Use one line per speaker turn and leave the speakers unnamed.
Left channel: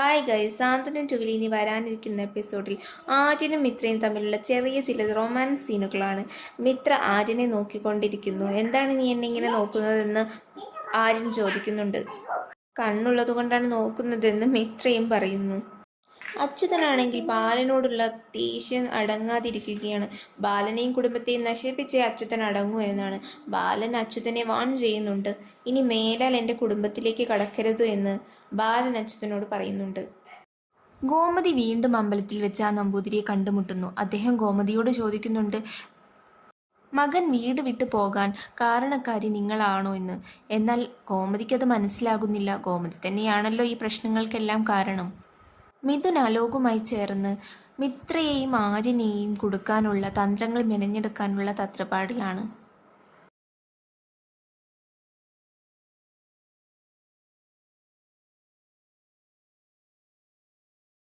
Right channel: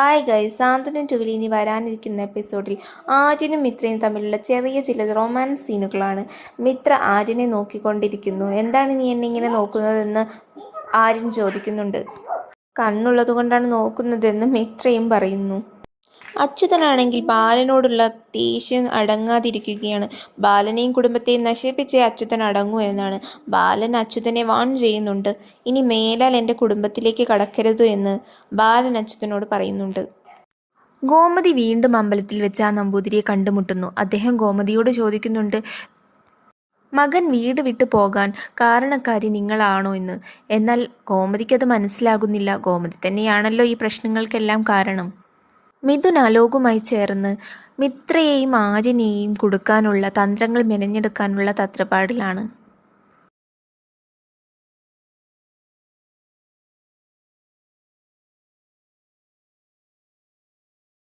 Hi guys സാന്ത്വനം ടുവിൽ ഇനി വരാനിരിക്കുന്ന എപ്പിസോഡിൽ ആര്യനും മിത്രയും തമ്മിലുള്ള ചെറിയ ചില റൊമാൻസ് സീനുകളാണ്. മിത്ര ആര്യനെ നോക്കിക്കൊണ്ടിരിക്കുന്നു. എന്താണ് നീ എന്നെ ഇങ്ങനെ നോക്കുന്നതെന്ന് ആര്യൻ ചോദിക്കുന്നുണ്ട്. കണ്ണുള്ളത് കൊണ്ടാണ് നോക്കുന്നതെന്ന് മിത്രയും പറയുന്നു. അച്യുതനാണെങ്കിൽ ബാലനോടുള്ള ദേഷ്യം അടങ്ങാതിരിക്കുകയാണ്. ബാലനെയും കുടുംബത്തെയും നശിപ്പിച്ചേ അച്യുതൻ അടങ്ങൂ എന്നാണ്. ബാലൻ അച്യുതനെ വാൺ ചെയ്യുന്നുണ്ട്. ഇനി മേലാൽ എന്റെ കുടുംബത്തിലേക്ക് കടക്കരുത് എന്ന് ബാലൻ അച്യുതനോട് പറയുന്നുണ്ട്. ഗോമതി വീണ്ടും അമ്പലത്തിൽ വെച്ച് ആ നമ്പൂതിരിയെ കണ്ടുമുട്ടുന്നു. അദ്ദേഹം ഗോമതിയോട് ചോദിക്കുന്നുണ്ട് മകൻ വീട് വിട്ടു പോകാൻ കാരണക്കാരി നിങ്ങളാണോ എന്ന്? എന്നാൽ ഗോമതിക്കത് മനസ്സിലാകുന്നില്ല. ഗോമതി തന്നെയാണല്ലോ ഈ പ്രശ്നങ്ങൾക്കെല്ലാം കാരണം. മിഥുൻ അലോകുമായി ചേർന്ന് മിത്രയെയും ആര്യനെയും കൊടുക്കാനുള്ള തന്ത്രങ്ങൾ മെനഞ്ഞെടുക്കാനുള്ള തത്രപ്പാടിലാണ്.